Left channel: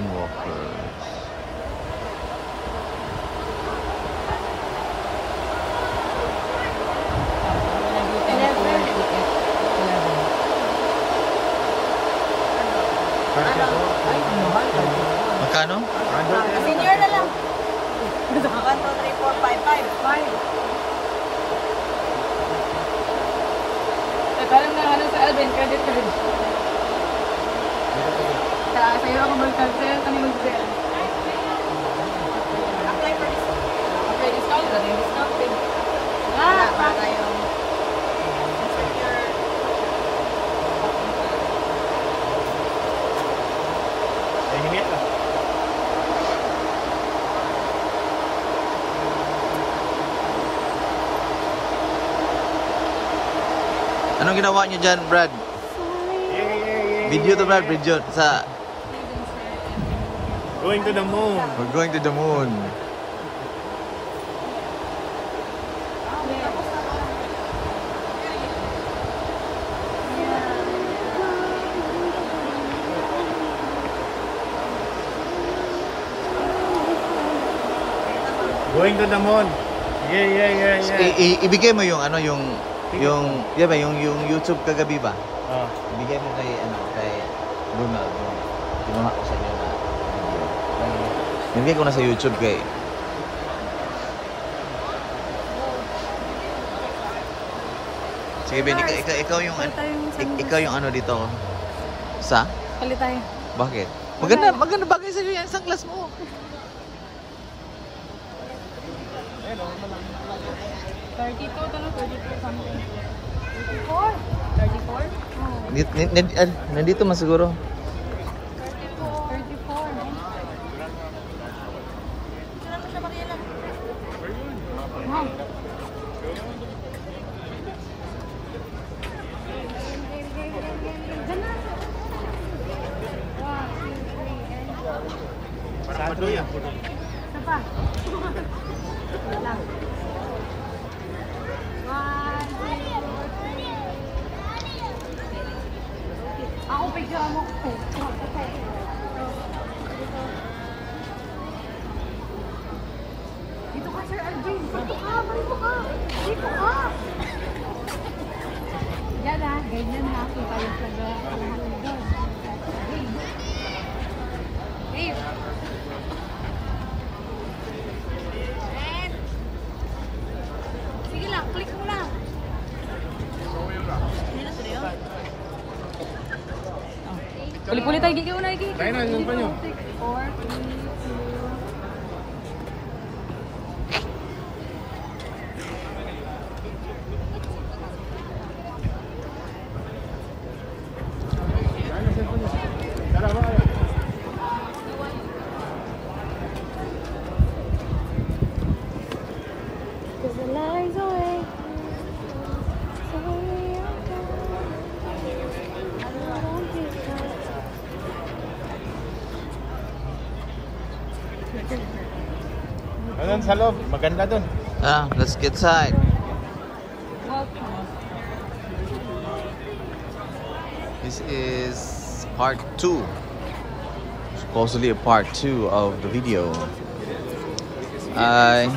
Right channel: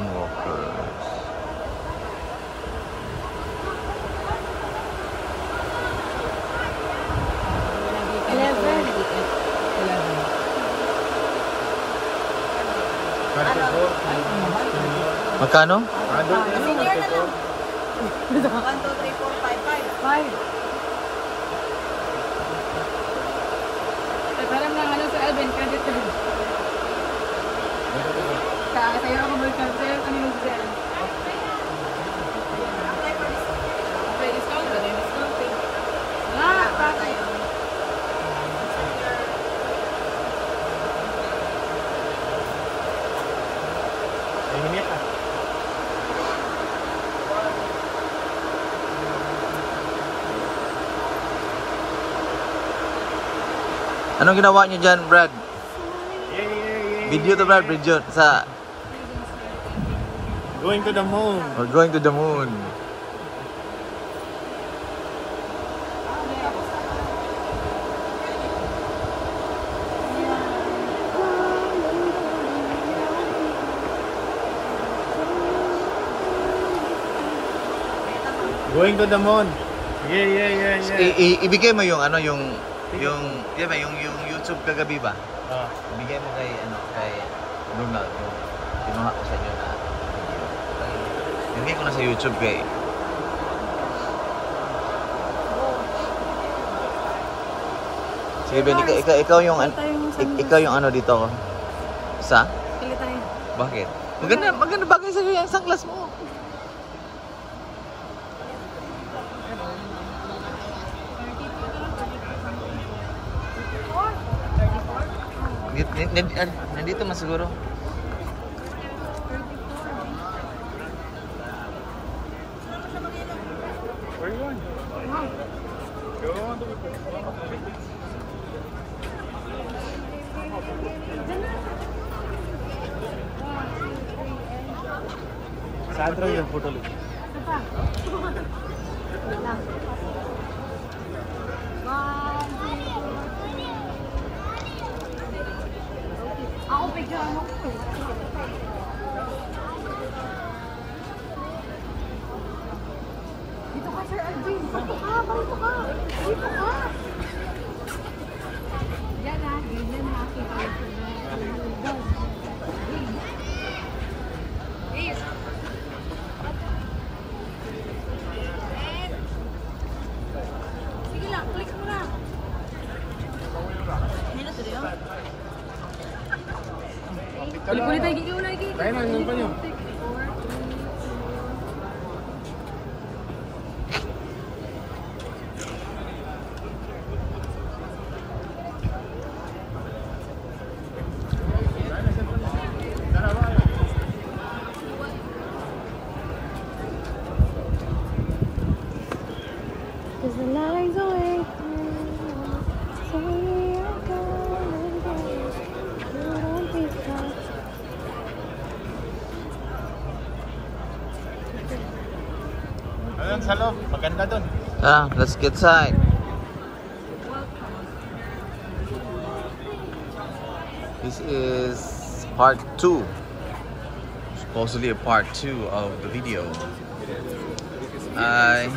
Moonwalkers. Magkano? Senior na lang. 1, 2, 3, 4, 5, 5. Alam na ano sa Alvin, credit card. Sa'yo ako mag-card, sa'yo kami mag-sell. Apply discount, dati discount. Wala pa tayo. Hinit ah. Anong ginawa niyo dyan, Brad? Video to, Brad. Video sa... Going to the moon. We're going to the moon. Going to the moon. Yeah. Ibigay mo yung ano, yung YouTube kagabi ba? Ibigay mo kay kay Ronald. Kinuha ko sa inyo na video. Ibigay ko na sa YouTube kay. Sige Ben, ikaw yung ano dito. Sa? Kali tayo. Bakit? Maganda bagay sa iyo yung sunglass mo. 32 something. 34? Nandito mas siguro. 1, 2, 3. Ako picture mo ko. Dito ka, Sir Alvin. Dito ka. Yan ha, ganyan ha. Kita yung kalahatin doon. Hey. Sige lang, click mo lang. Nila to rin. Puli-puli tayo, gigi mo na, gigi. Tayo na, yung pa nyo. 4, 3, Sa loob, maganda dun. Let's get inside. This is part 2. Supposedly a part 2 of the video. Five.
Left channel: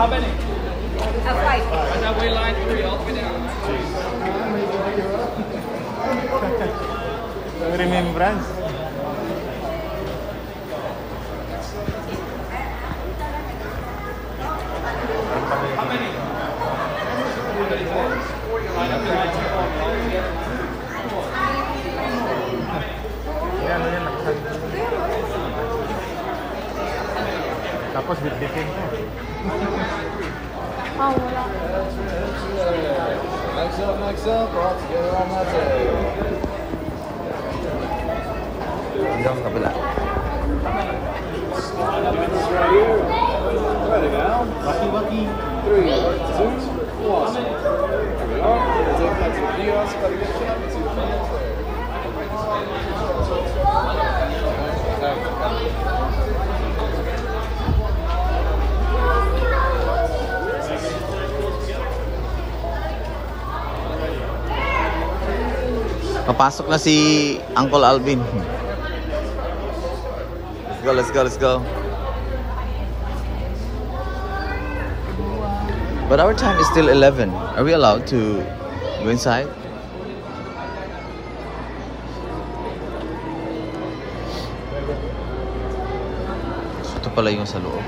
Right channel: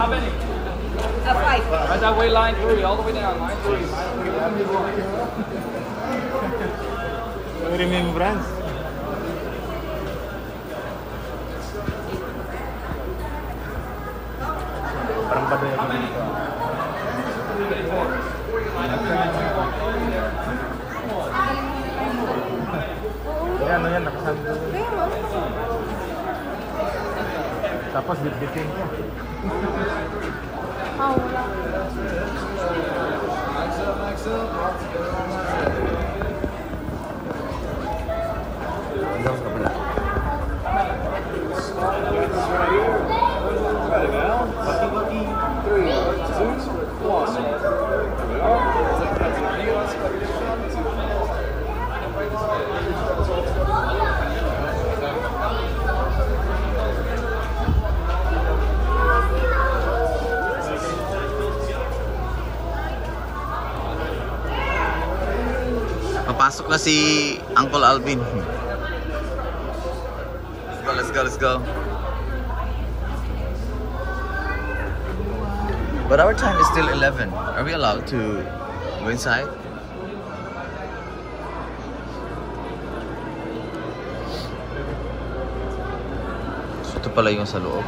How many? 5. And then we line 3 all the way down. Remembrance. Tapos bit-bitin ko. Wala. Next up, all together on my tail. Dito ang kabila. Ready now? Bucky. 3, 2, 1. Here we are. Take that to the US. Papasok na si Uncle Alvin. Let's go. But our time is still 11. Are we allowed to go inside? Ito pala yung sa loob.